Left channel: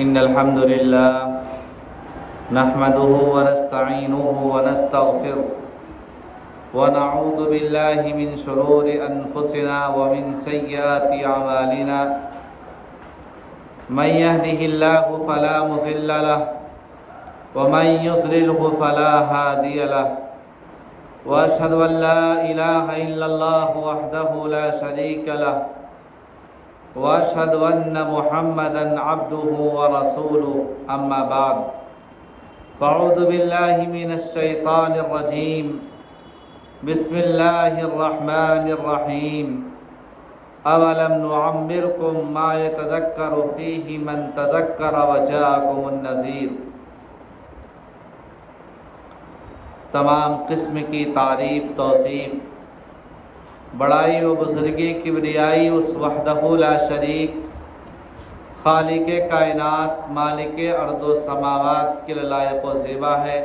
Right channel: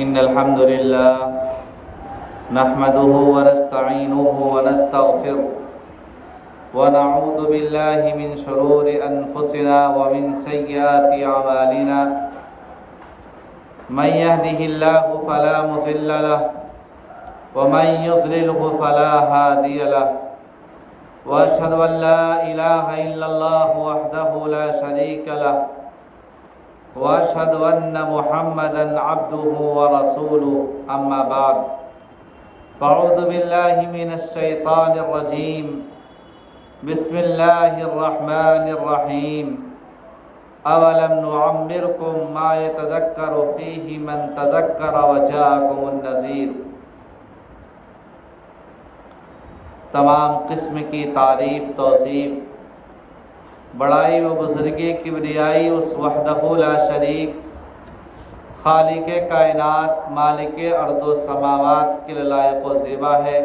إن الحمد لله نحمده ونستعينه ونستغفره ونعوذ بالله من شرور أنفسنا ومن سيئات أعمالنا من يهده الله فلا مضل له ومن يضلله فلا هادي له وأشهد أن لا إله إلا الله وحده لا شريك له وأشهد أن محمدًا عبده ورسوله أما بعد فأعوذ بالله من الشيطان الرجيم بسم الله الرحمن الرحيم أولم نعمركم ما يتذكر فيه من تذكر وجاءكم النذير۔ تمام قسم کی تعریف توصیف بڑائی و بزرگی کبریائی اس وحدہ لا شریک خالق کائنات مالک ارض و سماوات کے لائق و زیبا ہے،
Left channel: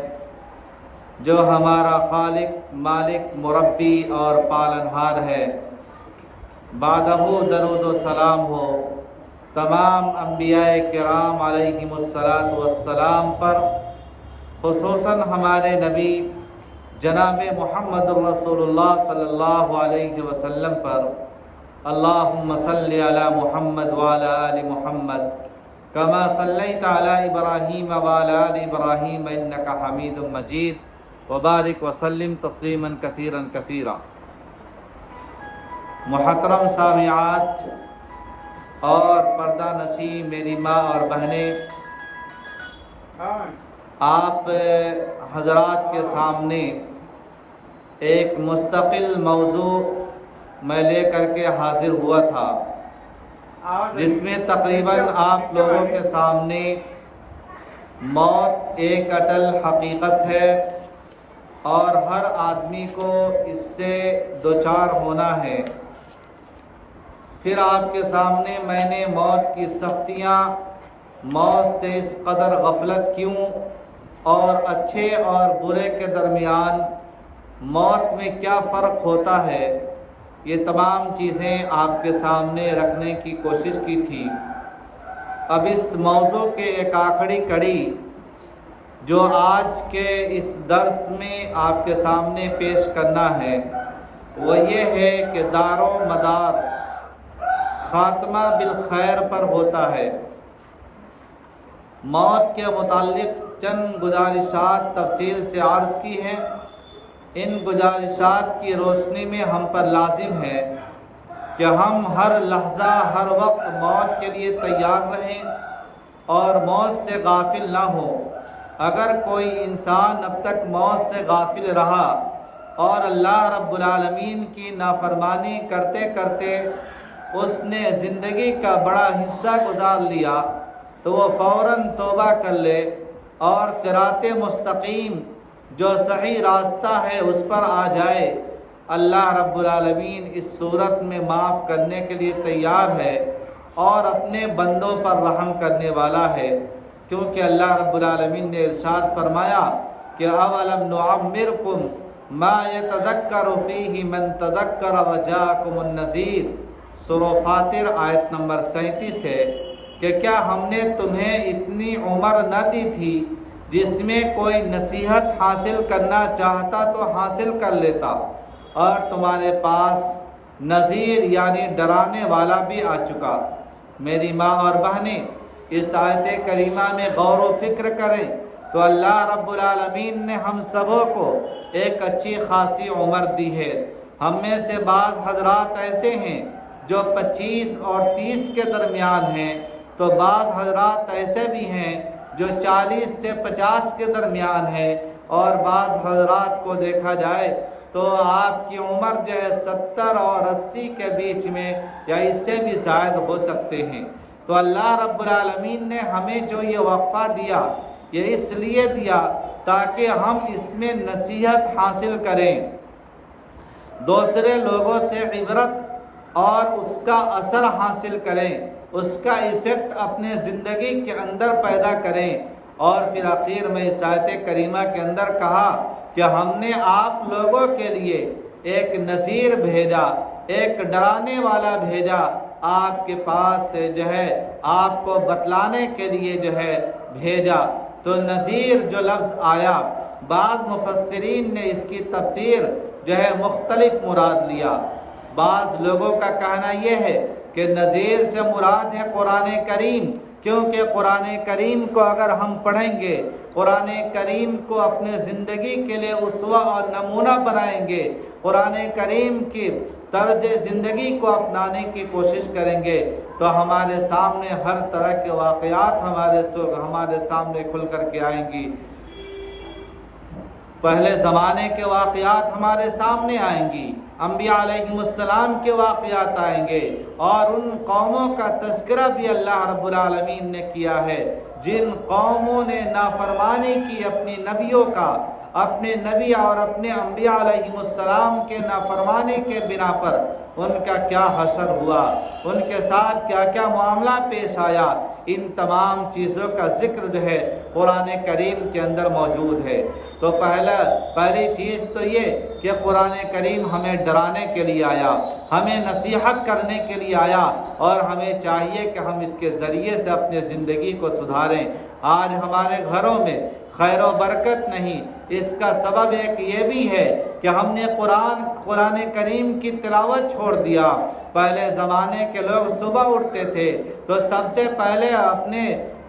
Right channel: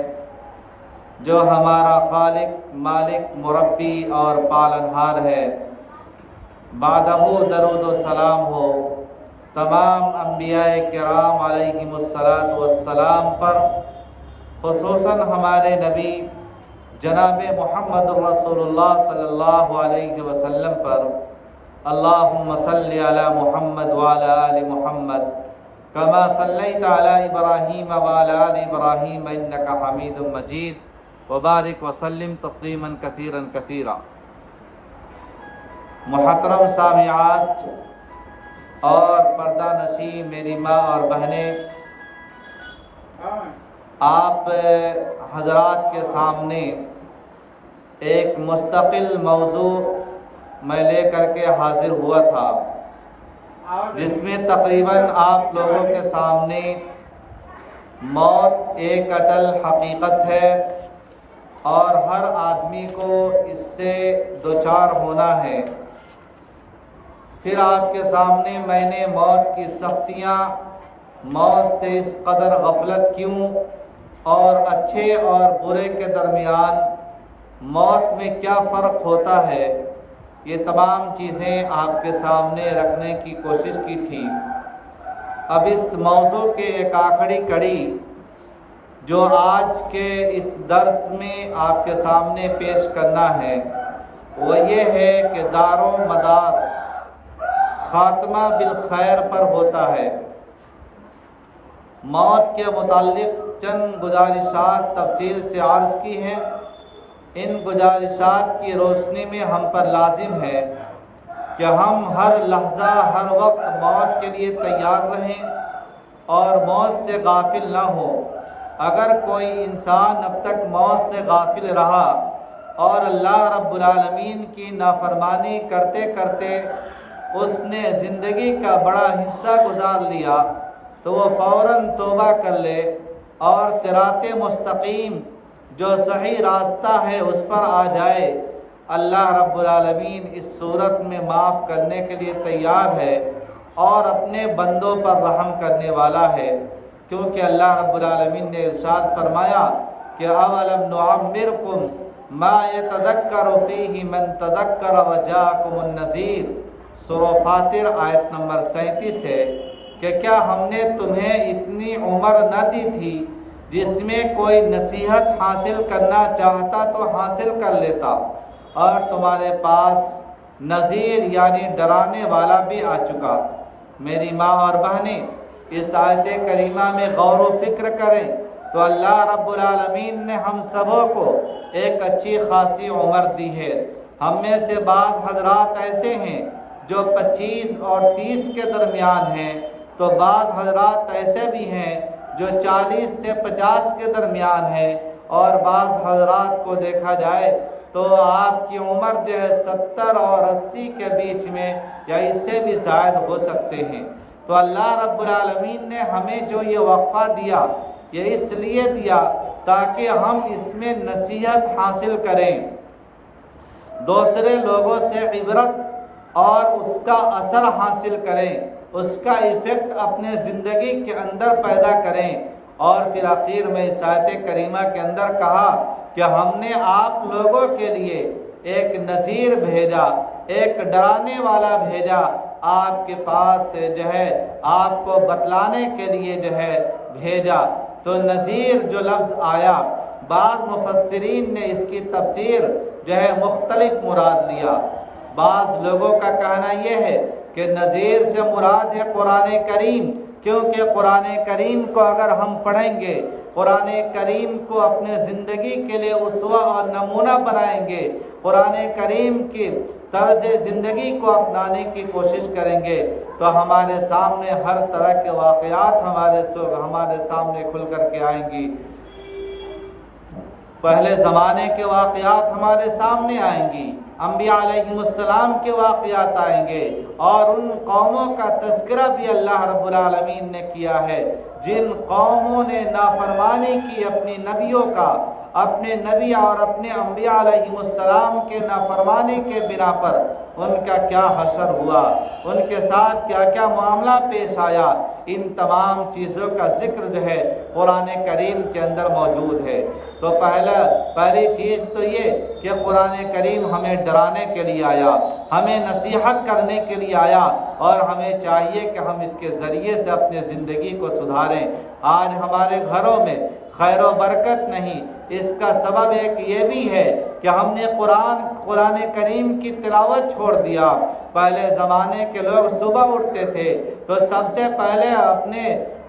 جو ہمارا خالق مالک مربی اور پالنہار ہے۔ بعدہ درود و سلام ہو تمام انبیاء کرام علیہم الصلاۃ والسلام پر، خصوصاً ہمارے نبی جناب محمد رسول اللہ صلی اللہ علیہ وسلم پر۔ اللہم صلی علی محمد وعلی آل محمد کما صلیت علی ابراہیم وعلی آل ابراہیم انک حمید مجید وبارک وسلم تسلیما کثیرا کثیرا۔ محترم سامعات اور پردہ نشین میری ماں اور بہنیں، آپ حضرات کے سامنے ایک مستقل موضوع میں لے کر کے حاضر ہوا تھا، جس میں تقریباً آپ لوگوں کے سامنے موت ایک اٹل حقیقت ہے اور ہر آدمی کو اس سے دوچار ہونا ہے۔ پھر آپ کے سامنے میں نے موت کی سختیاں، موت سے اس قدر غفلت کیوں اور اچھے اور برے کے درمیان موت میں کیا فرق ہوتا ہے، یہ تمام چیزیں آپ کے سامنے رکھنے کی کوشش کی تھی۔ اب اس موضوع کے ایک آخری کڑی جو آج کے اس درس میں آپ کے سامنے پیش کرنا ہے، وہ یہ ہے کہ دار و مدار خاتمہ بالخیر پر ہوتا ہے۔ موت کے متعلق چند گزارشات تفصیل سے عرض کی ہیں۔ ان گزارشات کی روشنی میں ہم پر لازم ہے کہ ہم ہر لحظہ ہر وقت موت کے لیے تیار رہیں اور موت سے غافل نہ ہوں۔ اگر کوئی انسان اب تک موت سے غافل رہا اور اللہ رب العالمین کی نافرمانی کرتے کرتے اس نے زندگی کا بڑا حصہ گزار لیا، تو وہ فوراً توبہ کر لے اور صراط مستقیم جو صحیح راستہ ہے اس پر آ جائے۔ اللہ رب العالمین اس صورت میں معاف کرنے کے لیے تیار ہے اور اپنے بندوں پر رحم کرنے والا ہے، کیونکہ اللہ رب العالمین نے ارشاد فرمایا کہ اولم نعمرکم ما یتذکر فیہ من تذکر وجاءکم النذیر۔ سورہ فاطر آیت نمبر 37 ہے کہ کیا ہم نے تمہیں اتنی عمر نہ دی تھی جس میں کوئی نصیحت حاصل کرنا چاہتا تو حاصل کر لیتا، اور تمہارے پاس نذیر یعنی ڈرانے والا بھی آ چکا۔ میری ماں اور بہنیں، اس آیت کریمہ میں غور و فکر کریں تو اللہ رب العالمین نے ہم سبوں کو ایک اچھی خاصی عمر دی ہے۔ ہم میں سے بعض حضرات ایسے ہیں جو 25 اور 30 کے درمیان ہیں، تو بعض حضرات ایسے بھی ہیں جو 40 سے 50 کے درمیان ہے، اور بعض حضرات کو دیکھا جائے تو آپ کی عمر جو ہے 70 اور 80 کے بیچ میں یا اس سے بھی زائد ہو سکتے ہیں۔ تو اللہ رب العالمین نے ہمیں جو یہ وقفہ دیا، یہ اس لیے دیا تاکہ ہم اس میں نصیحت حاصل کریں، دوسرے لوگوں سے عبرت اور اس کا اثر حاصل کریں، اس کا ایفیکٹ اپنے زندگی کے اندر پیدا کریں۔ اور پھر آخر میں اس آیت کریمہ کے اندر کہا کہ ہم نے آپ لوگوں کے لیے ایک نذیر بھیجا، ایک ڈرانے والا بھیجا آپ کے پاس سے جو ہے آپ کو بتلانے کے لیے جو ہے بھیجا۔ تو نذیر جو لفظ آیا، بعض مفسرین نے اس کی تفسیر جو ہے مختلف مراد لیا۔ بعض لوگوں کا کہنا یہ ہے کہ نذیر سے مراد ہے قرآن کریم، کیونکہ قرآن کریم کو اگر ہم پڑھیں گے، قرآن کریم کو اپنے زندگی کے لیے اسوہ اور نمونہ بنائیں گے، قرآن کریم کی طرز زندگی کو اپنانے کی کوشش کریں گے، تو ہمارے سامنے ہر طرح کے واقعات ہمارے سامنے کھل کر کے آئیں گی۔ پہلے زمانے کے واقعات ہمارے سامنے آئیں گی، انبیاء علیہم السلام کے واقعات آئیں گے، اور ان قوموں کا تذکرہ بھی اللہ رب العالمین نے کیا ہے جن قوموں نے نافرمانی کی اپنی نبیوں کا، اپنے نبی اور اپنے انبیاء علیہم السلام کے نافرمانی کے بنا پر ان کا کیا حشر ہوا، ان کے ساتھ کیا کیا معاملہ پیش آیا۔ ان تمام چیزوں کا ذکر جو ہے قرآن کریم کے اندر موجود ہے۔ تو پہلی چیز تو یہ کہ قرآن کریم ہمیں ڈرانے کے لیے آیا، ہمیں نصیحت کرنے کے لیے آیا، اور ہمیں چاہیے کہ ہم اس کے ذریعے سے اپنے زندگی کو سدھاریں۔ آج ہمارے گھروں میں خیر و برکت نہیں، اس کا سبب ایک یہ بھی ہے کہ ہم نے قرآن کریم کی تلاوت چھوڑ دیا۔ پہلے زمانے کے لوگ صبح اٹھتے تھے تو سب سے پہلے اپنے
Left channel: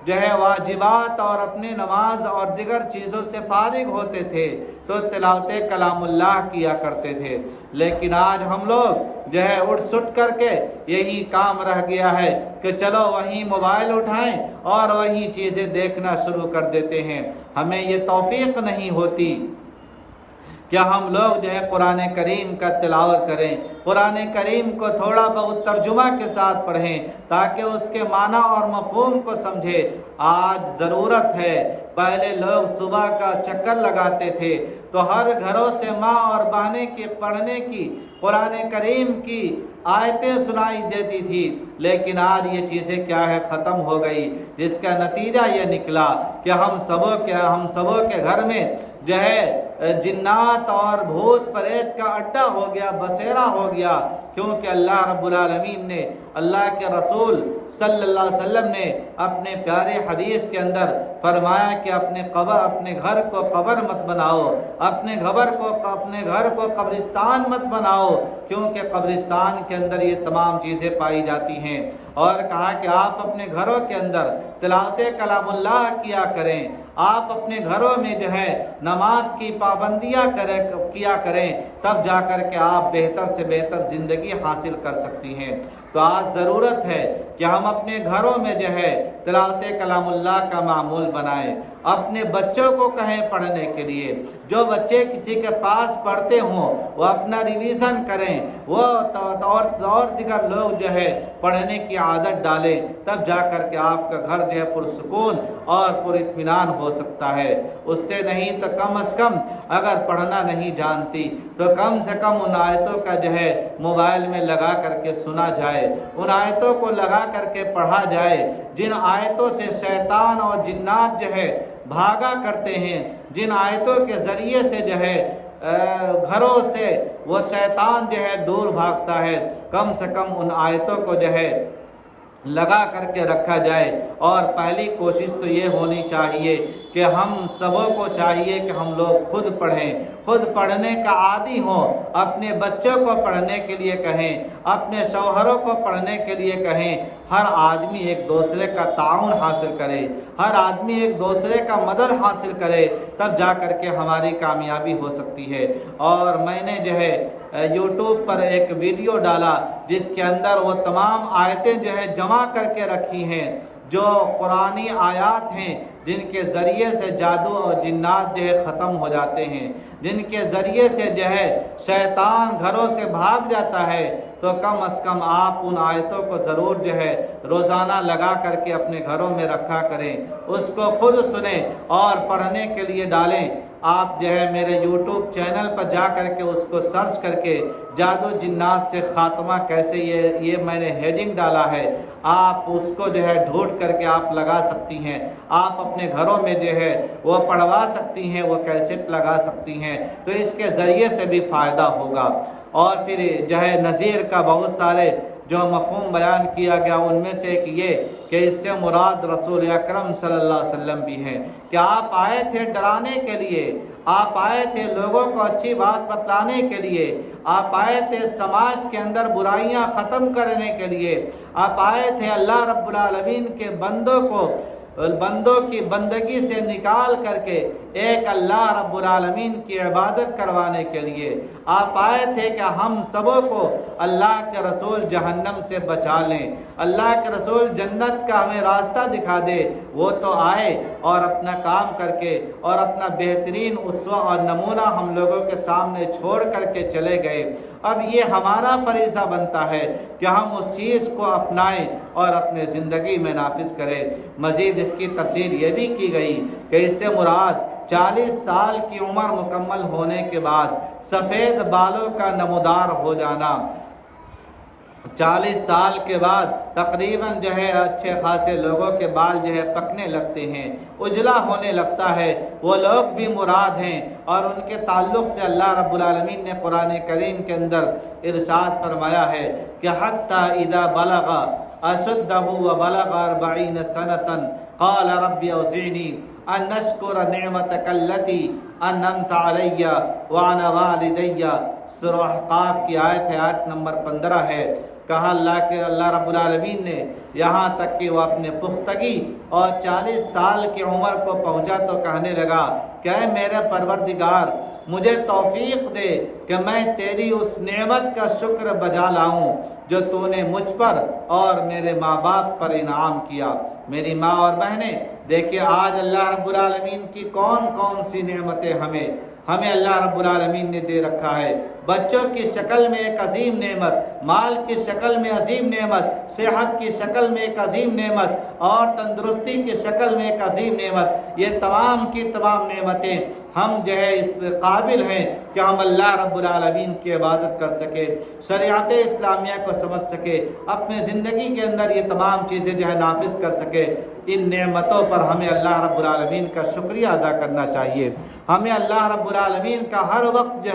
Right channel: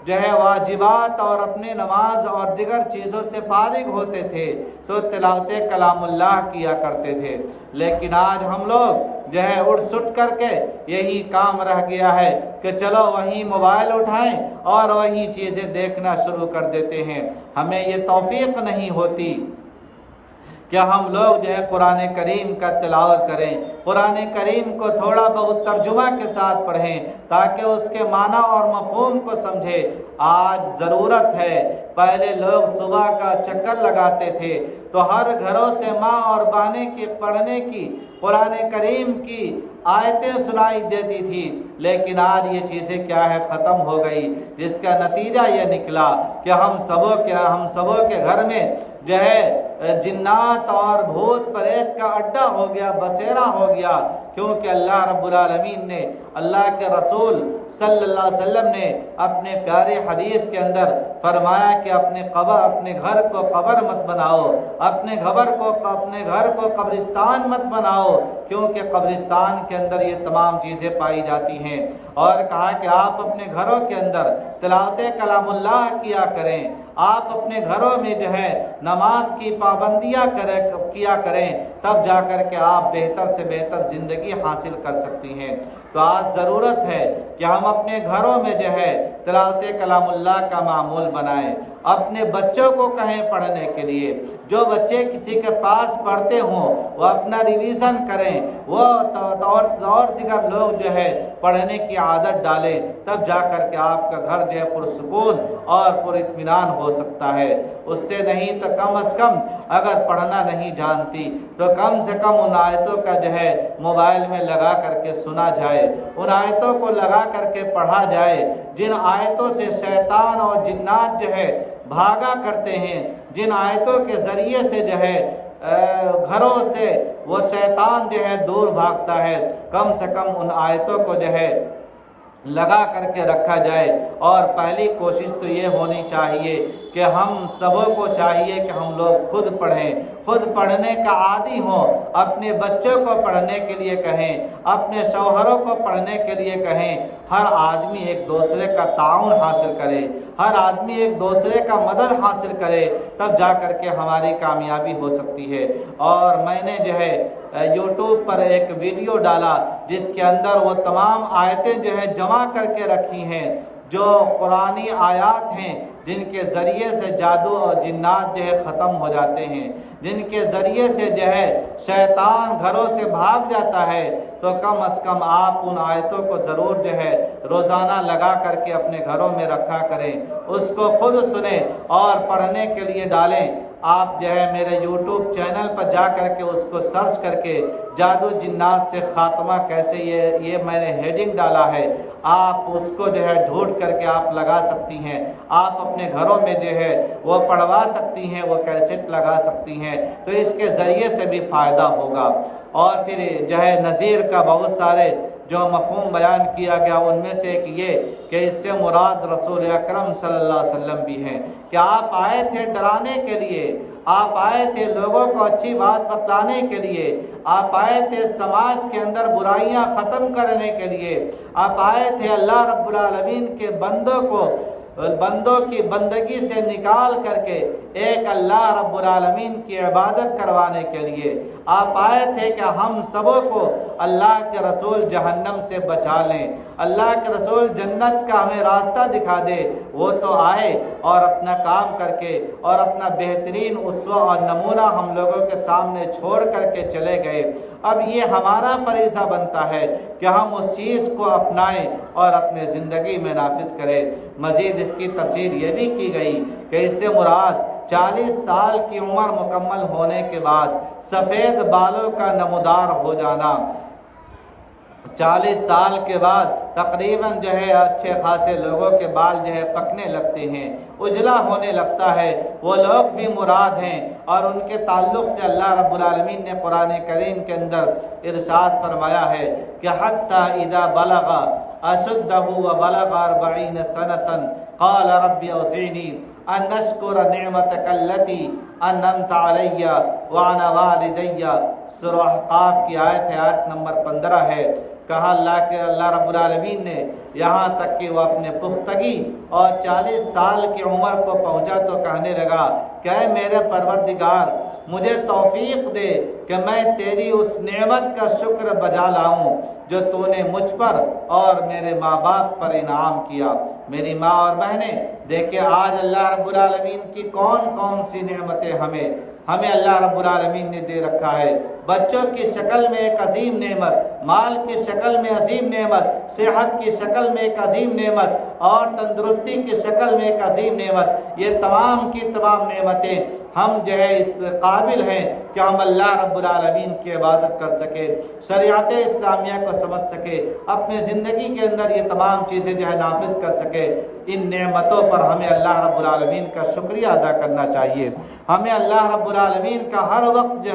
جو ہے واجبات اور اپنے نماز اور دیگر چیزوں سے فارغ ہوتے تھے تو تلاوت کلام اللہ کیا کرتے تھے، لیکن آج ہم لوگ جو ہے اٹھ سٹ کر کے یہی کام رہ گیا ہے کہ چلو وہیں موبائل اٹھائیں اور وہیں چیزیں دیکھنا شروع کر دیتے ہیں۔ ہمیں یہ توفیق نہیں ہوتی کہ ہم لوگ جو ہے قرآن کریم کا تلاوت کریں، قرآن کریم کو تھوڑا بہت ترجمہ کے ساتھ پڑھیں تاکہ اس کے معنی اور مفہوم کو سمجھیں۔ آج ضرورت ہے، پہلے لوگ صبح کا چکر لگاتے تھے تو ہر گھروں سے ماں اور بہنیں کی پڑھنے کی قرآن کریم کی آیتیں سنائی دیتی تھی، لیکن آج یہ چیزیں کیا ہے ختم ہو گئی، جس کا نتیجہ یہ نکلا کہ ہم سبوں کے گھر میں جو ہے جنات اور بھوت پریت کا اڈا ہو گیا، بسیرا ہو گیا، کیونکہ اللہ رب العالمین نے، اللہ کے رسول صلی اللہ علیہ وسلم نے اپنے پیارے حدیث کے اندر فرمایا کہ اپنے گھر کو قبر مت بناؤ، اپنے گھر کو قبرستان مت بناؤ، کیونکہ قبرستان کے اندر یہ تمام چیزیں پائی جاتی ہیں۔ اور کہا کہ آپ اپنے گھروں کے اندر تلاوت کلام اللہ کیا کریں، آپ اپنے گھروں میں جو ہے نماز کی پابندیاں کیا کریں، تب جا کر کے آپ بہتر سے بہتر زندگی حاصل کر سکتی ہیں۔ تو آج ضرورت ہے کہ ہم اپنے گھروں میں جو ہے تلاوت کلام اللہ کا معمول بنائیں، اپنے بچوں کو کہیں پڑھنے کے لیے، جو بچے کسی کے پاس پڑھتے ہوں وہ اپنا ریویژن کریں، وہ اور دیگر لوگ جو ہے پڑھنے کی عادت ڈالیں، تب جا کر کے آپ کا گھر جو ہے پرسکون اور پر اطمینان ہو سکتا ہے۔ اس سے نہیں تو کم از کم اگر پڑھنا نہیں جانتی تو کم سے کم ان آیتوں کا جو ہے موبائل میں لگا کر کے سنا جائے، ان آیتوں کو لگا کر کے پڑھا جائے جن آیتوں سے شیطان اور جنات جو ہے بھاگا کرتے ہیں، جن آیتوں کے ذریعے سے جو ہے گھروں سے وہ شیطان جو ہے دور بھاگتا ہے، کم سے کم ان آیتوں کو جو ہے لگا کر کے رکھا جائے۔ اور پہلی کوشش تو یہ ہونی چاہیے کہ ہم سبوں کو چاہیے کہ ہم لوگ خود پڑھیں، خود پڑھنے کا عادی ہوں، اپنے بچوں کو پڑھنے کے لیے کہیں، اپنے شوہروں کو پڑھنے کے لیے کہیں، ہر آدمی ایک دوسرے کا تعاون حاصل کرے، ہر آدمی ایک دوسرے کا مدد حاصل کرے، تب جا کر کے ہماری کامیابی ہو سکتی ہے۔ اور میں نے جو ہے یوٹیوب پر ایک ویڈیو ڈالا جس کے اندر وہ تمام آیتیں جو ہے جمع کر کے رکھی ہیں، جو قرآنی آیات ہیں جن کے ذریعے سے جادو اور جنات جو ہے ختم ہو جاتے ہیں، جن کے ذریعے سے جو ہے شیطان گھروں سے بھاگ جاتا ہے، تو کم از کم آپ ان آیتوں کو ضرور جو ہے روزانہ لگا کر کے اپنے گھروں میں رکھا کریں، اس کو خود سنیں اور پڑھنے کے لیے ڈالیں۔ آپ جو ہے میرے یوٹیوب چینل پر جا کر کے اس کو سرچ کر کے جادو جنات سے خاتمہ کیسے، یہ میں نے ہیڈنگ ڈالا ہے، آپ اس کو جو ہے ڈھونڈ کر کے آپ لگا سکتی ہیں، آپ اپنے گھروں میں جو ہے وہ پڑھوا سکتی ہیں، وہ کیسٹ لگا سکتی ہیں، تو اس کے ذریعے سے بھی فائدہ ہوگا۔ اور پھر جو ہے نذیر کا بہت سارے جو مفہوم بیان کیا گیا ان میں سے ایک یہ کہ اس سے مراد رسول اکرم صلی اللہ علیہ وسلم بھی ہیں کہ آپ آئے تھے ڈرانے کے لیے، آپ آئے تھے لوگوں کو اچھی بات بتلانے کے لیے، آپ آئے تھے سماج کے اندر برائیاں ختم کرنے کے لیے، آپ آئے تھے اللہ رب العالمین کے بندوں کی بندگی سے نکال کر کے ایک اللہ رب العالمین کی عبادت کروانے کے لیے، آپ آئے تھے کہ ہم سبوں کو اللہ کے رسول جہنم سے بچا لیں، اللہ کے رسول جنت کا ہمیں راستہ دکھا دے۔ وہ تو آئے اور اپنا کام کر کے اور اپنا بہترین اسوہ اور نمونہ ہم لوگوں کے سامنے چھوڑ کر کے چلے گئے۔ اب یہ ہمارا فریضہ بنتا ہے کہ ہم اس چیز کو اپنائیں اور اپنے زندگی میں نافذ کریں۔ مزید اس کی تفسیر یہ بھی کی گئی کہ اس سے مراد 40 سال کی عمر مکمل ہونے کے بعد سفید بالوں کا نمودار ہو جانا، 40 سال کے بعد تقریباً اچھے خاصے لوگوں کے بال پکنے لگتے ہیں، اجلا ہونے لگتا ہے، وہ لوگ بھی مراد ہیں۔ اور ان کے تعلق سے اللہ رب العالمین نے قرآن کریم کے اندر ارشاد فرمایا ہے کہ حتی اذا بلغ اشدہ وبلغ 40 سنة قال رب اوزعنی ان اشکر نعمتک التی انعمت علی وعلی والدی۔ سورہ احقاف کی آیت ہے، آیت نمبر 15 ہے۔ کہا اللہ رب العالمین نے یہاں تک کہ وہ اپنے پختگی اور 40 سال کی عمر کو پہنچا تو کہنے لگا کہ اے میرے پروردگار، مجھے توفیق دے کہ میں تیری اس نعمت کا شکر بجا لاؤں جو تو نے مجھ پر اور میرے ماں باپ پر انعام کیا۔ میری ماں اور بہنیں دیکھیں آج اللہ رب العالمین کی کون کون سی نعمتیں ہمیں اللہ رب العالمین نے دے رکھا ہے۔ بچوں کی شکل میں ایک عظیم نعمت، مال کی شکل میں عظیم نعمت، صحت کی شکل میں ایک عظیم نعمت اور تندرستی کی شکل میں ایک عظیم نعمت۔ یہ تمام کی تمام نعمتیں ہم اس قابل ہیں کہ ہم اللہ رب العالمین کی عبادت کر سکے، شریعت اسلامیہ کو سمجھ سکے، اپنے زندگی کے اندر یہ تمام چیزیں نافذ کر سکے۔ ان نعمتوں پر ہمیں اللہ رب العالمین کا شکریہ ادا کرنا چاہیے۔ ہمیں اللہ رب العالمین کا ہر وقت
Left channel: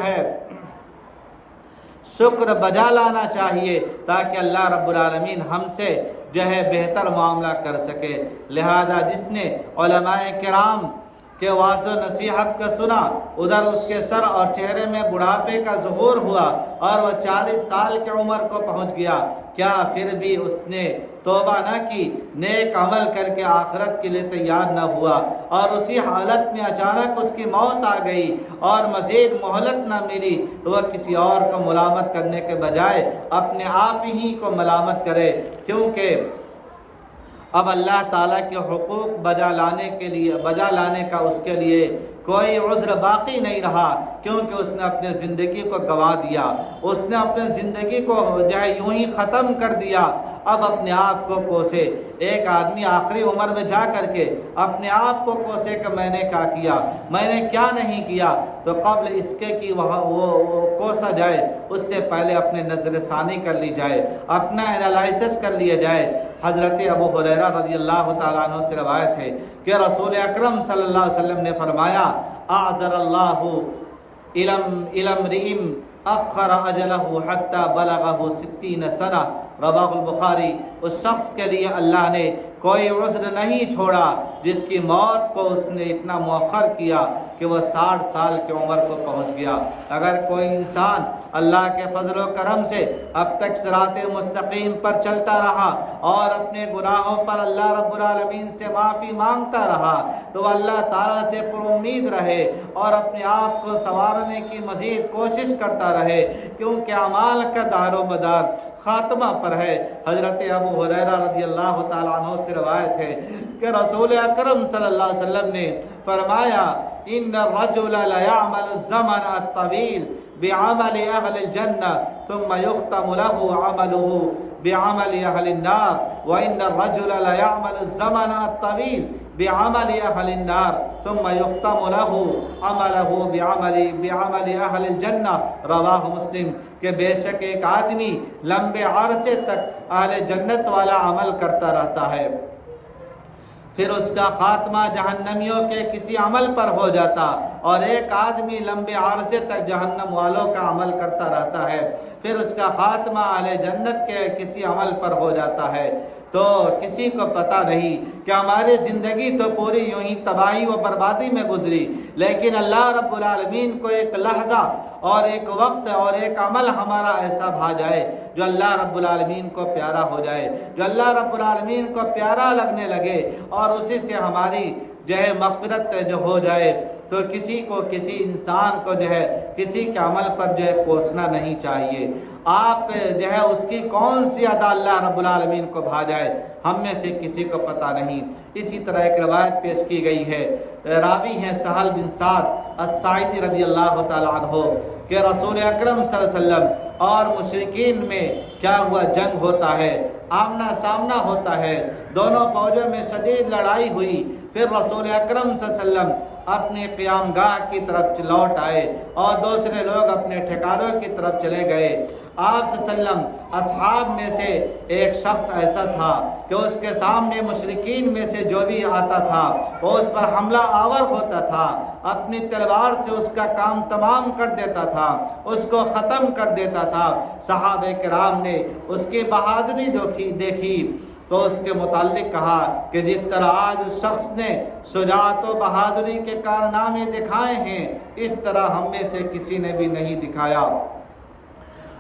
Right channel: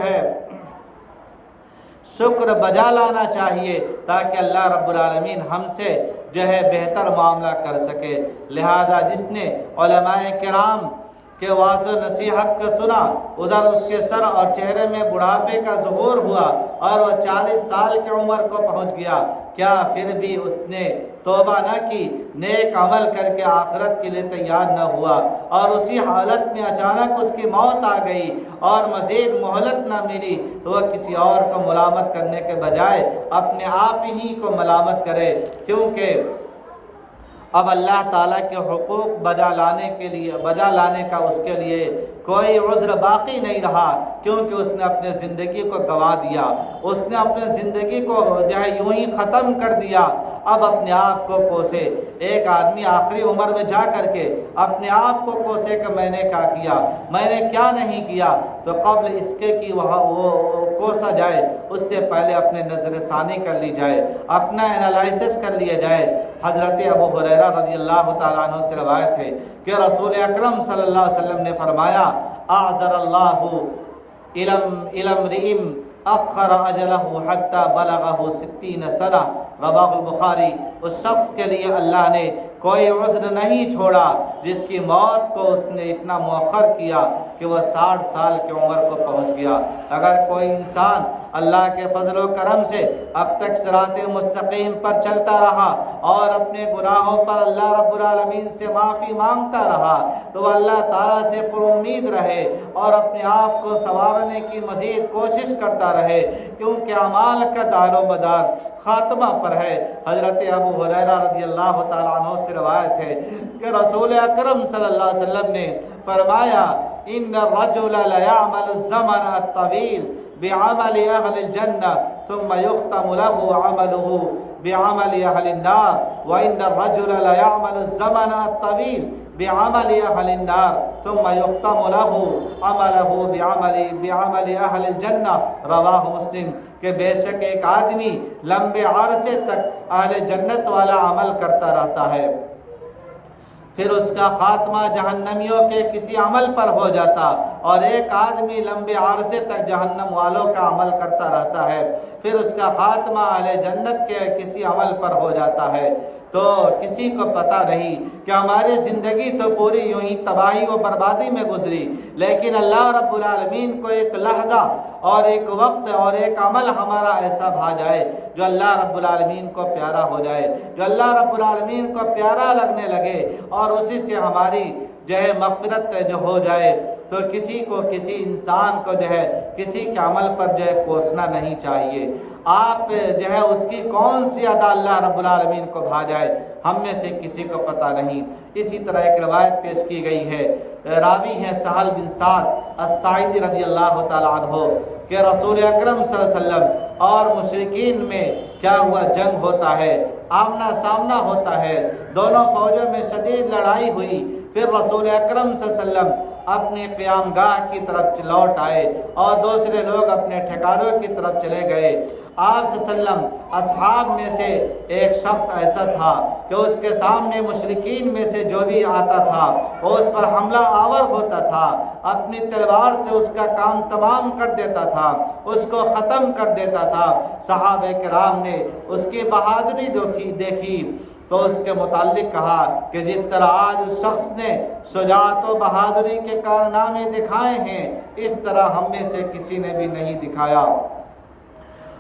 شکر بجا لانا چاہیے تاکہ اللہ رب العالمین ہم سے بہتر معاملہ کر سکے۔ لہذا جس نے علماء کرام کے واعظ و نصیحت کا سنا، ادھر اس کے سر اور چہرے میں بڑھاپے کا ظہور ہوا اور وہ 40 سال کی عمر کو پہنچ گیا، کیا پھر بھی اس نے توبہ نہ کی، نیک عمل کر کے آخرت کے لیے تیار نہ ہوا اور اسی حالت میں اچانک اس کی موت آ گئی اور مزید مہلت نہ ملی تو وہ کسی اور کو ملامت کرنے کے بجائے اپنے آپ ہی کو ملامت کرے، کیونکہ اب اللہ تعالیٰ کے حقوق بجا لانے کا اس کے لیے کوئی عذر باقی نہیں رہا، کیونکہ اس نے اپنے زندگی کو گنوا دیا، اس نے اپنے زندگی کو یوں ہی ختم کر دیا۔ اب اپنے آپ کو کوسے، ایک آدمی آخری عمر میں جا کر کے اپنے آپ کو کوسے کہ میں نے کیا کیا، میں نے کیا نہیں کیا، تو قبل اس کے کہ وہ کوسا جائے اس سے پہلے اپنے نظر ثانی کر لی جائے، اپنا انالائسس کر لیا جائے۔ حضرت ابو ہریرہ رضی اللہ تعالیٰ عنہ سے روایت ہے کہ رسول اکرم صلی اللہ علیہ وسلم نے فرمایا اعذر اللہ الی امرئ اخر اجلہ حتی بلغہ 60 سنہ، رواه البخاری۔ اس شخص کے لیے اللہ نے کوئی عذر نہیں چھوڑا جس کی موت کو اس نے اتنا مؤخر کیا کہ وہ 60 سال کی عمر کو پہنچ گیا۔ اگر کوئی انسان اللہ کے فضل و کرم سے اب تک صراط مستقیم پر چلتا رہا اور اپنے گناہوں پر اللہ رب العالمین سے معافی مانگتا رہا تو وہ اللہ تعالیٰ سے پر امید رہے اور اپنے آپ کو سنوارنے کی مزید کوشش کرتا رہے، کیونکہ اعمال کا دار و مدار خاتمہ پر ہے۔ حضرت ابو ہریرہ رضی اللہ تعالیٰ عنہ سے روایت ہے کہ رسول اکرم صلی اللہ علیہ وسلم نے فرمایا ان الرجل لیعمل الزمن الطویل بعمل اہل الجنہ ثم یختم له عمله بعمل اہل النار وان الرجل لیعمل الزمن الطویل بعمل اہل النار ثم یختم له عمله بعمل اہل الجنہ، رواہ مسلم۔ کہ بے شک ایک آدمی لمبے عرصے تک اہل جنت والا عمل کرتا رہتا ہے پھر اس کا خاتمہ جہنمیوں کے کسی عمل پر ہو جاتا، اور ایک آدمی لمبے عرصے تک جہنم والوں کا عمل کرتا رہتا ہے، پھر اس کا خاتمہ اہل جنت کے کسی عمل پر ہو جاتا ہے۔ تو کسی کو پتہ نہیں کہ ہماری زندگی تو پوری یوں ہی تباہی و بربادی میں گزری، لیکن اللہ رب العالمین کو ایک لحظہ اور ایک وقت اور ایک عمل ہمارا ایسا بھا جائے جو اللہ رب العالمین کو پیارا ہو جائے، جو اللہ رب العالمین کو پیارا لگنے لگے، اور اسی سے ہماری جو ہے مغفرت جو ہو جائے۔ تو کسی کو، کسی انسان کو جو ہے کسی کے عمل پر جو ہے کوسنا نہیں چاہیے۔ آپ جو ہے اس کی کون سی ادا اللہ رب العالمین کو بھا جائے، ہم میں سے کسی کو پتہ نہیں۔ اسی طرح ایک روایت پیش کی گئی ہے، راوی ہیں سہل بن سعد الساعدی رضی اللہ تعالیٰ عنہ، کہ رسول اکرم صلی اللہ علیہ وسلم اور مشرکین میں کیا ہوا، جنگ ہوتا ہے، آمنا سامنا ہوتا ہے، دونوں فوجوں میں شدید لڑائی ہوئی۔ پھر رسول اکرم صلی اللہ علیہ وسلم اپنے قیام گاہ کی طرف لوٹ آئے اور دوسرے لوگ اپنے ٹھکانوں کی طرف چلے گئے۔ آپ صلی اللہ علیہ وسلم اصحاب میں سے ایک شخص ایسا تھا کہ اس کے سامنے مشرکین میں سے جو بھی آتا تھا وہ اس پر حملہ آور ہوتا تھا، اپنی تلوار سے اس کا کام تمام کر دیتا تھا، اس کو ختم کر دیتا تھا۔ صحابہ کرام نے اس کی بہادری دیکھی تو اس کے متعلق کہا کہ جس طرح آج اس شخص نے شجاعت و بہادری کے کارنامے دکھائے ہیں، اس طرح ہم میں سے کسی نے بھی نہیں دکھایا۔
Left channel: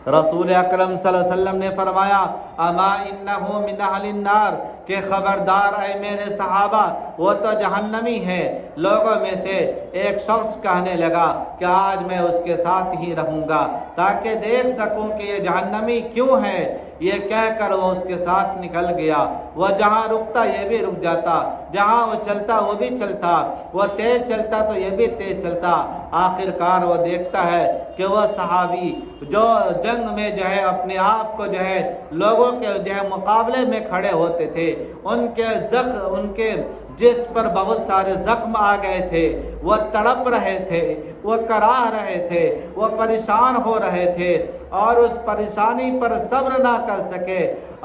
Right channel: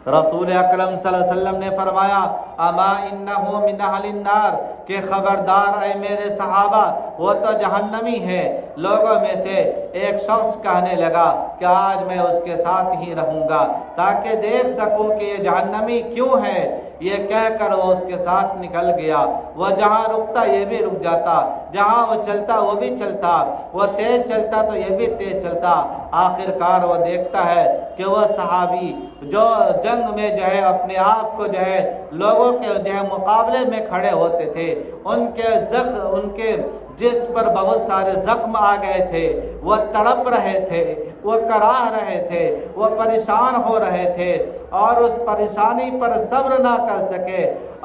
رسول اکرم صلی اللہ علیہ وسلم نے فرمایا، اما انہو من اہل النار، کہ خبردار اے میرے صحابہ، وہ تو جہنمی ہے۔ لوگوں میں سے ایک شخص کہنے لگا کہ آج میں اس کے ساتھ ہی رہوں گا تاکہ دیکھ سکوں کہ یہ جہنمی کیوں ہے۔ یہ کہہ کر وہ اس کے ساتھ نکل گیا۔ وہ جہاں رکتا یہ بھی رک جاتا، جہاں وہ چلتا وہ بھی چلتا، وہ تیز چلتا تو یہ بھی تیز چلتا۔ آخر کار وہ دیکھتا ہے کہ وہ صحابی جو جنگ میں جو ہے اپنے آپ کو جو ہے لوگوں کے جو ہے مقابلے میں کھڑے ہوتے تھے، ان کے جس پر بہت سارے زخم آ گئے تھے، وہ تڑپ رہے تھے، وہ کراہ رہے تھے، وہ پریشان ہو رہے تھے، اور اس پریشانی پر صبر نہ کر سکے،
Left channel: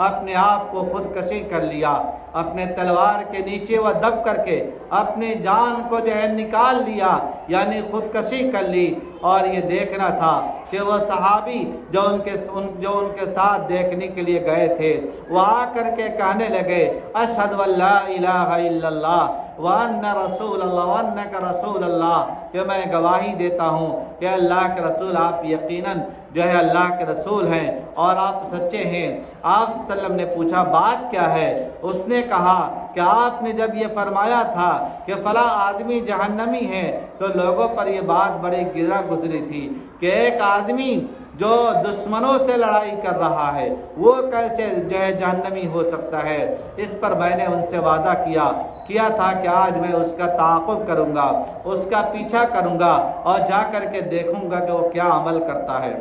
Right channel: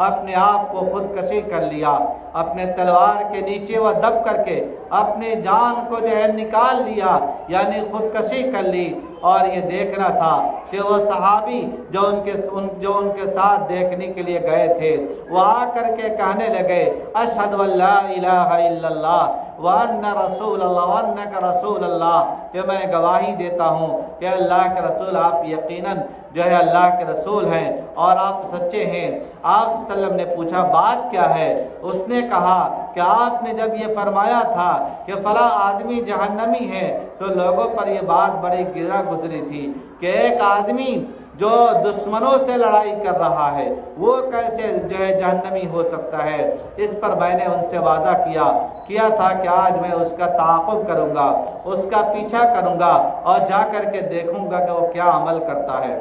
اپنے آپ کو خودکشی کر لیا۔ اپنے تلوار کے نیچے وہ دب کر کے اپنی جان کو جو ہے نکال لیا، یعنی خودکشی کر لی۔ اور یہ دیکھنا تھا کہ وہ صحابی جو ان کے ساتھ دیکھنے کے لیے گئے تھے، وہ آ کر کے کہنے لگے، اشہد ان لا الہ الا اللہ وان رسول اللہ وانک رسول اللہ، کہ میں گواہی دیتا ہوں کہ اللہ کے رسول آپ یقیناً جو ہے اللہ کے رسول ہیں اور آپ سچے ہیں۔ آپ صلی اللہ علیہ وسلم نے پوچھا بات کیا ہے؟ اس نے کہا کہ آپ نے جب یہ فرمایا تھا کہ فلاں آدمی جہنمی ہے تو لوگوں پر یہ بات بڑی گرا گزری تھی کہ ایک آدمی جو دشمنوں سے لڑائی کر رہا ہے وہ کیسے جو ہے جہنمی ہو سکتا ہے۔ اس پر میں نے ان سے وعدہ کیا تھا کہ آج میں اس کا تعاقب کروں گا، اس کا پیچھا کروں گا اور جا کر کے دیکھوں گا کہ وہ کیا عمل کرتا ہے،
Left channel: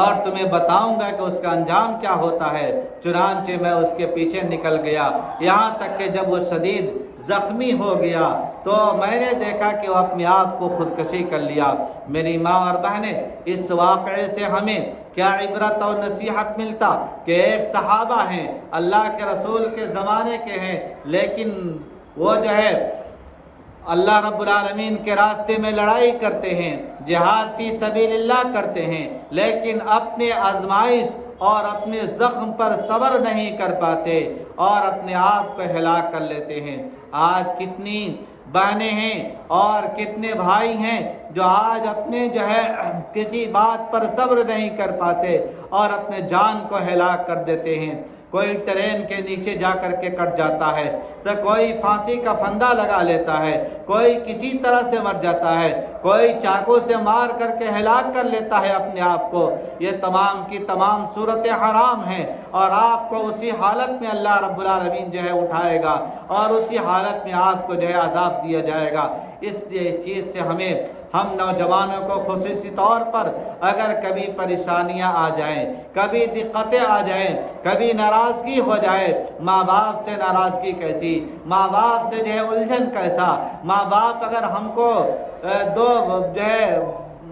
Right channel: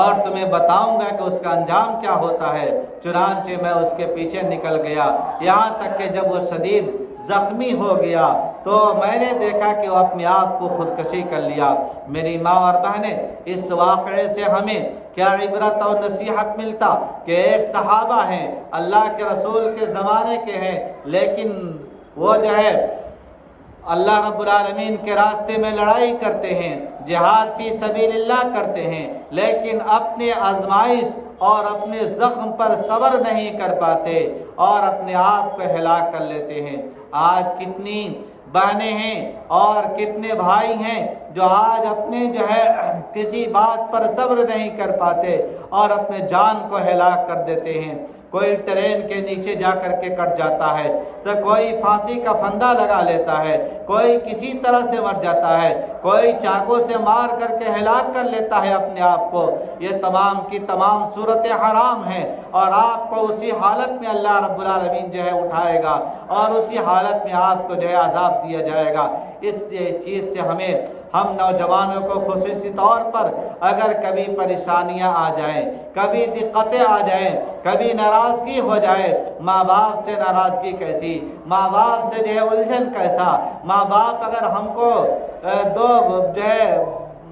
اور تمہیں بتاؤں گا کہ اس کا انجام کیا ہوتا ہے۔ چنانچہ میں اس کے پیچھے نکل گیا، یہاں تک کہ جب وہ شدید زخمی ہو گیا تو میں نے دیکھا کہ وہ اپنے آپ کو خودکشی کر لیا۔ میری ماں اور بہنیں، اس واقعے سے ہمیں کیا عبرت اور نصیحت ملتا کہ ایک صحابہ ہیں، اللہ کے رسول کے زمانے کے ہیں، لیکن وہ جو ہے اللہ رب العالمین کے راستے میں لڑائی کرتے ہیں، جہاد فی سبیل اللہ کرتے ہیں، لیکن اپنے آزمائش اور اپنے زخم پر صبر نہیں کر پاتے اور اپنے آپ کو ہلاک کر لیتے ہیں۔ آج کتنی بہنیں ہیں اور کتنے بھائی ہیں جو آج اپنے جو ہے کسی بات پر صبر نہیں کر پاتے اور اپنے جان کو ہلاک کر دیتے ہیں۔ کوئی ٹرین کے نیچے جا کر کے کٹ جاتا ہے تو کوئی پھانسی کا پھندا لگا لیتا ہے، کوئی کسی طرح سے مر جاتا ہے، کوئی چاقو سے مار کر کے ہلاک کر لیتا ہے اپنے آپ کو۔ یہ تمام کی تمام صورتیں حرام ہیں اور آپ کو اسی حالت میں اللہ رب العالمین جو ہے اٹھائے گا اور اسی حالت میں آپ کو جو ہے عذاب دیا جائے گا۔ اس چیز سے ہم نوجوانوں کو خصوصی طور پر اگر کبھی پریشانیاں آ جائیں، کبھی دقتیں آ جائیں، کبھی ناراضگی ہو جائے، ماں باپ سے ناراضگی کیسی، ماں باپ سے جو ہے الجھن کیسا، ماں باپ اگر ہم کو دو جو ہے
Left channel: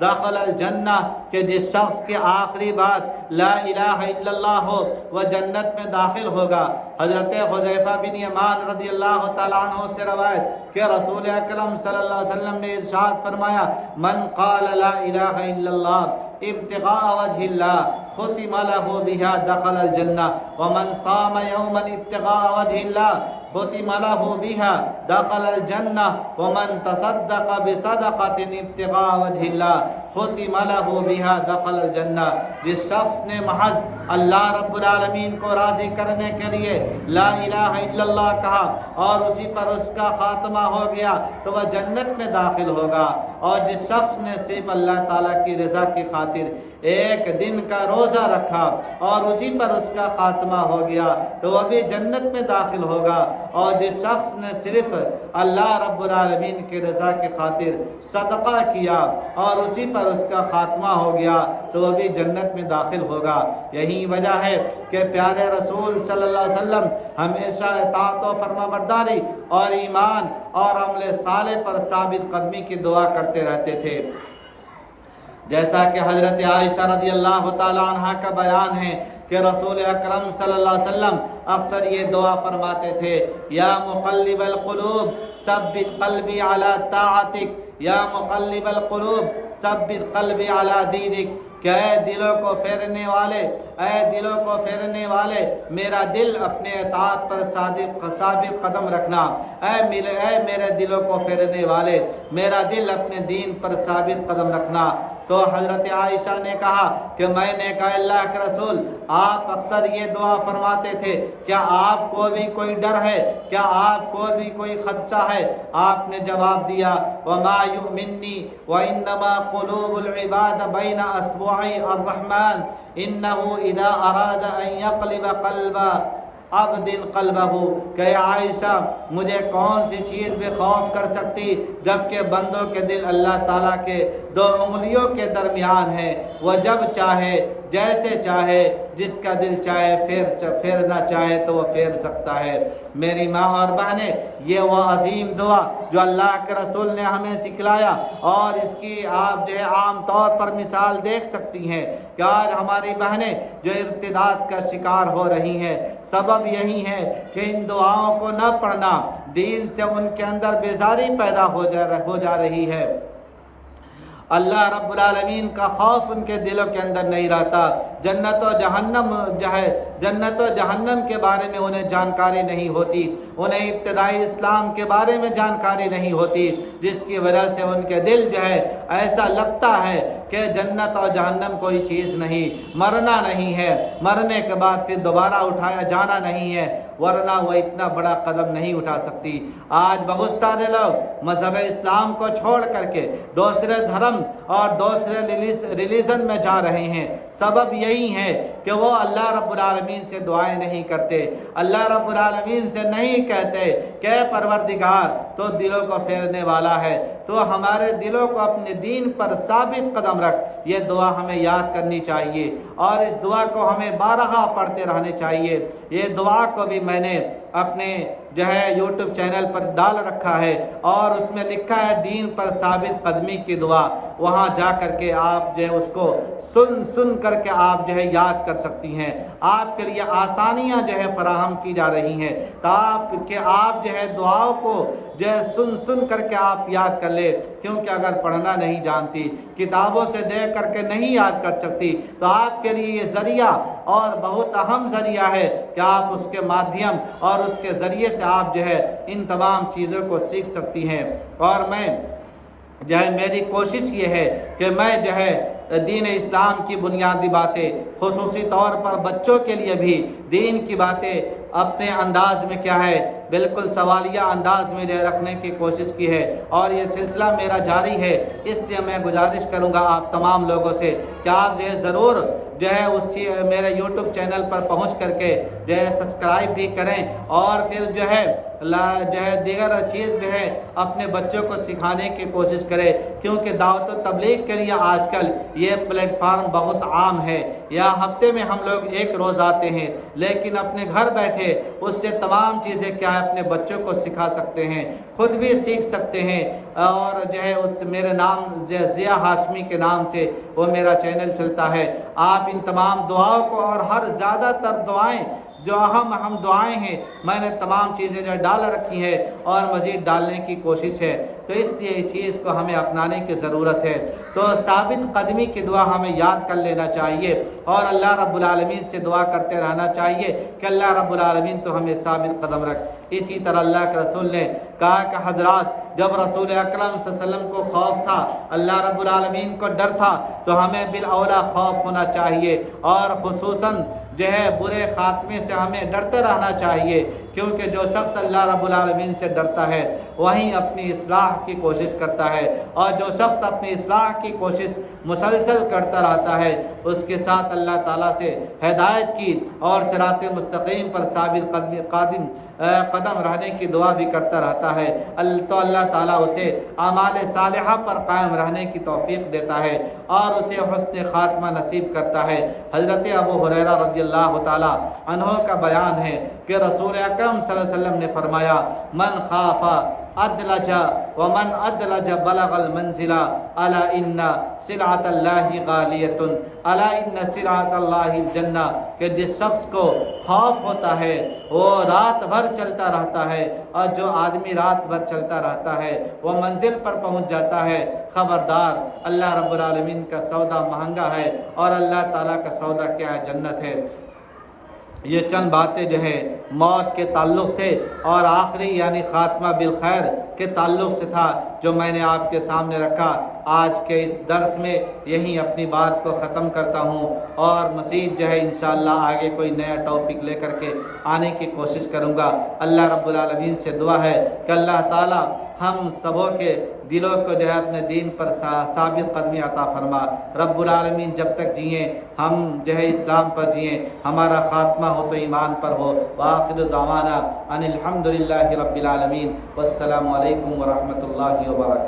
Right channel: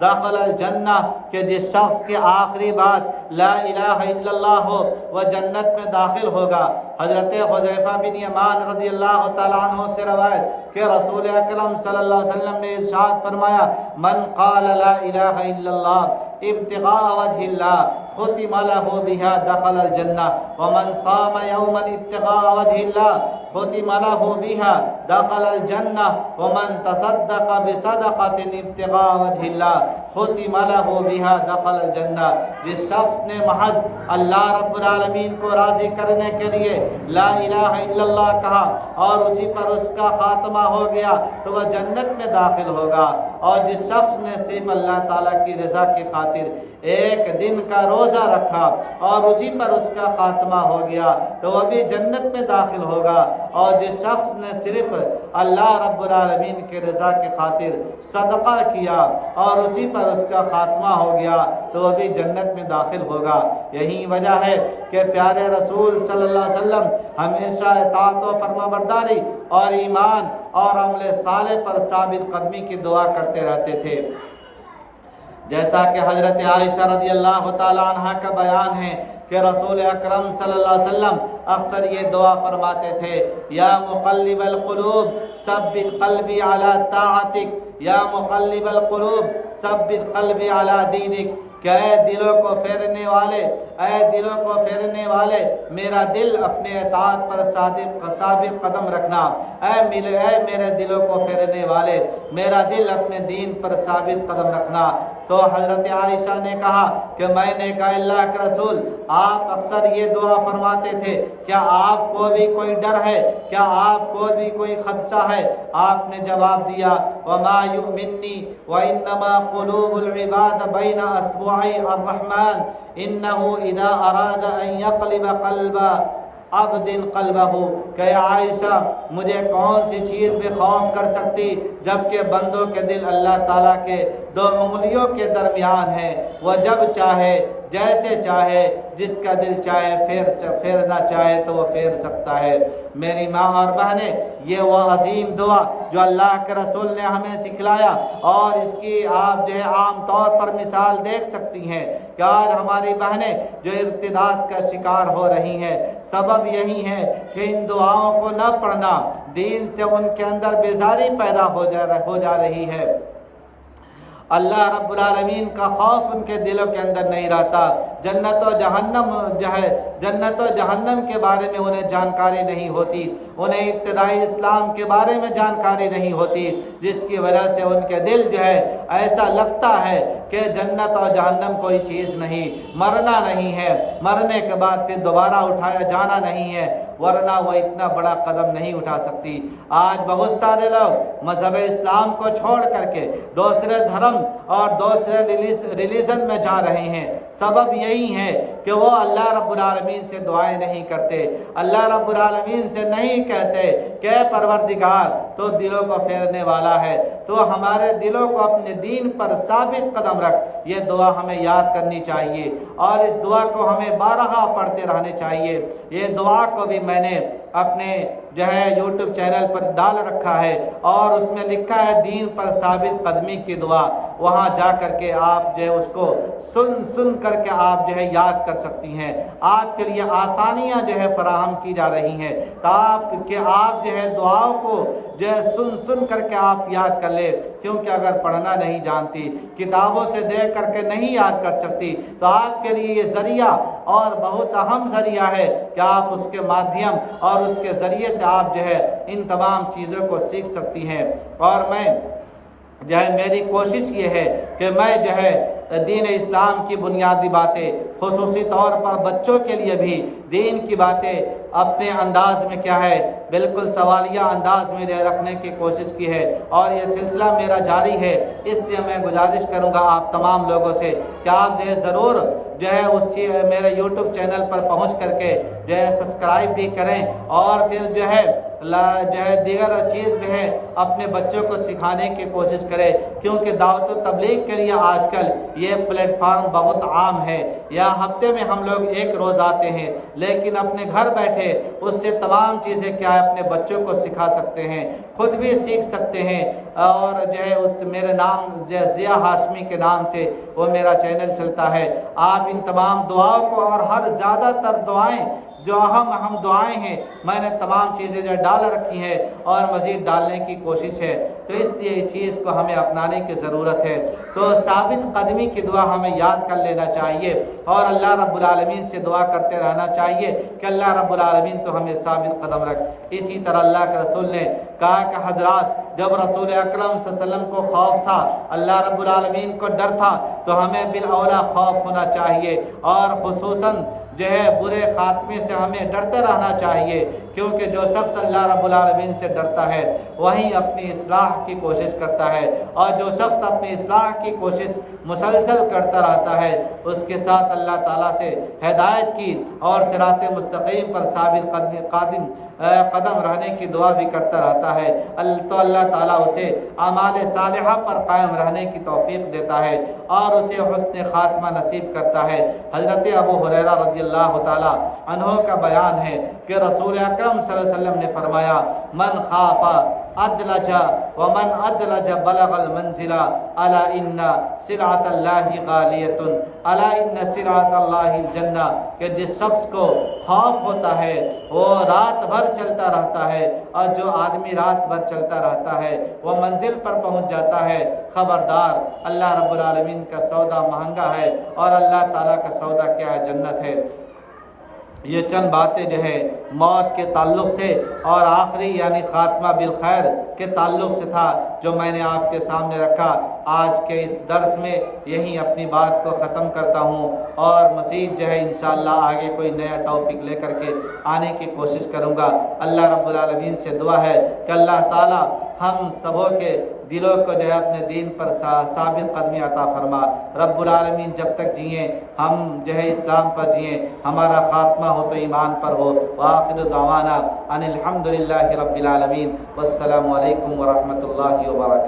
دخل الجنہ کہ جس شخص کی آخری بات لا الہ الا اللہ ہو وہ جنت میں داخل ہوگا۔ حضرت حذیفہ بن یمان رضی اللہ تعالیٰ عنہ سے روایت کہ رسول اکرم صلی اللہ علیہ وسلم نے ارشاد فرمایا من قال لا الہ الا اللہ ابتغاء وجہ اللہ ختم له بها دخل الجنہ ومن صام یوما ابتغاء وجہ اللہ ختم له بها دخل الجنہ ومن تصدق بصدقۃ ابتغاء وجہ اللہ ختم له بها دخل الجنہ۔ جس شخص نے محض اللہ رب العالمین کو راضی کرنے کے لیے لا الہ الا اللہ کہا اور اسی پر اس کا خاتمہ ہو گیا تو وہ جنت میں داخل ہوگا، اور جس شخص نے صرف اللہ تعالیٰ کی رضا کی خاطر ایک دن کا روزہ رکھا اور اسی پر اس کا خاتمہ ہو گیا تو وہ بھی جنت میں داخل ہوگا، اور جس شخص نے صرف اللہ رب العالمین کی رضا کی خاطر صدقہ کیا اور اسی پر اس کا خاتمہ ہو گیا تو وہ بھی جنت میں داخل ہوگا۔ یہی وجہ ہے کہ پیارے رسول صلی اللہ علیہ وسلم ہمیشہ اطاعت و فرمانبرداری اور ایمان اور عمل صالح پر ثابت قدمی کی دعا کرتے رہتے تھے، جیسا کہ حضرت عائشہ رضی اللہ تعالی عنہ کا بیان ہے کہ رسول اکرم صلی اللہ علیہ وسلم اکثر یہ دعا فرماتے تھے یا مقلب القلوب ثبت قلبی علی طاعتک یا مقلب القلوب ثبت قلبی علی دینک، کہ اے دلوں کو پھیرنے والے، اے دلوں کو پھیرنے والے میرا دل اپنے اطاعت پر ثابت قدم رکھنا، اے میرے دلوں کو پھیرنے والے میرا دل اپنے دین پر ثابت قدم رکھنا۔ تو حضرت عائشہ نے کہا کہ میں نے کہا اللہ کے رسول آپ اکثر یہ دعا فرماتے تھے، کیا آپ کو بھی کوئی ڈر ہے، کیا آپ کو بھی کوئی خدشہ ہے؟ آپ نے جواب دیا وما یؤمنی وانما قلوب العباد بین اصبعی الرحمن انه اذا اراد ان يقلب قلب عبد قلبہ، کہ عائشہ مجھے کون سی چیز بھی خوف کر سکتی جبکہ بندوں کے دل اللہ تعالیٰ کے دو انگلیوں کے درمیان ہے، وہ جب چاہے جیسے چاہے جس کا دل چاہے پھیرنا چاہے تو وہ پھیر سکتا ہے۔ میری ماں اور بہنیں، یہ وہ عظیم دعا جو اللہ کے رسول نے ہمیں سکھلایا، اور اس کی آپ جو ہے عام طور پر مثال دیکھ سکتی ہیں کہ آج ہماری بہنیں جو ارتداد کا شکار ہو رہی ہیں، سبب یہی ہے کہ ان دعاؤں کو نہ پڑھنا، دین سے ان کے اندر بیزاری پیدا ہو جا رہی ہے، اللہ رب العالمین کا خوف ان کے دلوں کے اندر نہیں رہتا، جنت و جہنم کے بارے میں انہیں جانکاری نہیں ہوتی، انہیں ابتدائی اسلام کے بارے میں جانکاری نہیں ہوتی، جس کی وجہ سے ان کے دل جو ہے ایسا لگتا ہے کہ جنت اور جہنم کوئی چیز نہیں، مرنا نہیں ہے، مرنے کے بعد پھر دوبارہ اٹھایا جانا نہیں ہے، ورنہ وہ اتنا بڑا قدم نہیں اٹھا سکتی۔ آج بہت سارے لوگ مذہب اسلام کو چھوڑ کر کے دوسرے دھرم اور دوسرے ریلیجن میں جا رہے ہیں، سبب یہی ہے کہ وہ اللہ رب العالمین سے دعائیں نہیں کرتے، اللہ رب العالمین سے نہیں کہتے کہ پروردگار تو دلوں کو پھیرنے والا ہے، تو ہمارے دلوں کو اپنے دین پر ثابت قدم رکھ۔ یہ دعا ہمیں یاد کرنی چاہیے اور اس دعا کو ہمیں بارہا پڑھتے رہنے چاہیے۔ یہ دعا کو بھی میں نے اپنے جو ہے یوٹیوب چینل پر ڈال رکھا ہے، اور اس میں لکھا ہے دین پر ثابت قدمی کی دعا، وہاں جا کر کے آپ جو ہے اس کو سن کر کے آپ جو ہے یاد کر سکتی ہیں۔ آپ کے لیے آسانیاں جو ہے فراہم کی جا رہی ہیں تاکہ آپ جو ہے دعاؤں کو جو ہے سن کر کے آپ یاد کر لے، کیونکہ اگر پڑھنا نہیں جانتی، کتابوں سے دیکھ کر کے نہیں یاد کر سکتی، تو آپ کے لیے یہ ذریعہ اور بہت اہم ذریعہ ہے کہ آپ اس کے مادھیم اور اس کے ذریعے سے آپ جو ہے ان تمام چیزوں کو سیکھ سکتی ہیں۔ اور میں جو ہے میری کوشش یہ ہے کہ میں جو ہے دین اسلام کی بنیادی باتیں، خصوصی طور پر بچوں کے لیے بھی دین کی باتیں اپنے انداز میں کیا ہے بالکل سوالیہ انداز میں رکھنے کی کوشش کی ہے، اور یہ سلسلہ میرا جاری ہے۔ اس لیے میں گزارش کروں گا آپ تمام لوگوں سے کہ آپ جو ہے ضرور جو ہے میرے یوٹیوب چینل پر پہنچ کر کے جو ہے سبسکرائب بھی کریں، اور پھر جو ہے دیگر چیز جو ہے اپنے بچوں کو سکھانے کی کوشش کرے، کیونکہ دعوت و تبلیغ کے لیے آج کل یہ پلیٹ فارم بہت عام ہے یا ہفتے میں ہم لوگ ایک روز آتے ہیں، لیکن اپنے گھر بیٹھے اس سے تمام چیزیں کیا ہے اپنے بچوں کو سکھا سکتے ہیں، خود بھی سیکھ سکتے ہیں۔ اور جو ہے اس میرے نام ضیا ہاشمی کے نام سے وہ میرا چینل چلتا ہے۔ آپ ان تمام دعاؤں کو اور ہر زیادہ تر دعائیں جو اہم دعائیں ہیں میں نے تمام چیزیں جو ڈال رکھی ہیں اور مزید ڈالنے کی کوشش ہے، تو اس لیے اس چیز کو ہمیں اپنانے کی ضرورت ہے۔ تو ثابت قدمی کی دعا ہمیں یاد کر لینا چاہیے اور اللہ رب العالمین سے دعا کرتے رہنا چاہیے کہ اللہ رب العالمین تو ہمیں ثابت قدم رکھ۔ اسی طرح اللہ کے رسول نے کہا کہ حضرات جب رسول اکرم صلی اللہ علیہ وسلم کو خوف تھا، اللہ رب العالمین کو ڈر تھا، تو ہمیں بالاولیٰ خوف ہونا چاہیے اور خصوصاً جو ہے برے خاتمے سے ہمیں ڈرتے رہنا چاہیے، کیونکہ جو شخص اللہ رب العالمین سے ڈرتا ہے وہیں اپنی اصلاح کی کوشش کرتا ہے، اور جو شخص اپنی اصلاح کی کوشش مسلسل کرتا رہتا ہے اس کے ساتھ اللہ تعالیٰ سے ہدایت کی اور صراط مستقیم پر ثابت قدم رہنے کی دعا بھی کرتا رہتا ہے، تو اللہ تعالیٰ اسے اعمال صالحہ پر قائم رہنے کی توفیق دیتا ہے اور اسے حسن خاتمہ نصیب کرتا ہے۔ حضرت ابو ہریرہ رضی اللہ تعالیٰ عنہ کا بیان ہے کہ رسول اکرم صلی اللہ علیہ وسلم نے فرمایا، من خاف ادلج ومن ادلج بلغ المنزل الا ان سلعۃ اللہ غالیۃ الا ان سلعۃ اللہ الجنہ، کہ جس شخص کو خوف ہوتا ہے وہ رات بھر چلتا رہتا ہے، اور جو آدمی رات بھر چلتا رہتا ہے وہ منزل پر پہنچ جاتا ہے، خبردار اللہ رب العالمین کا سودا مہنگا ہے اور اللہ تعالیٰ کا سودا کیا ہے؟ جنت ہے۔ یہ چند باتیں جو ہے موت کے تعلق سے اور آخری یعنی خاتمہ بالخیر کے تعلق سے تھا جو میں نے آپ کے سامنے رکھا۔ آج کے اس درس میں یہیں اپنی بات کو ختم کرتا ہوں اور مزید جو ہے انشاءاللہ آگے کوئی نیا ٹاپک لے کر کے آنے کی کوشش کروں گا۔ اللہ رب العالمین سے دعا ہے کہ اللہ تعالیٰ ہم سبوں کے دلوں کو جو ہے اپنے دین پر ثابت قدمی عطا فرما۔ رب العالمین جب تک جئیں ہم جو ہے اسلام پر جئیں، ہمارا خاتمہ ہو تو ایمان پر ہو۔ وآخر دعوانا ان الحمدللہ رب العالمین، والسلام علیکم ورحمۃ اللہ وبرکاتہ۔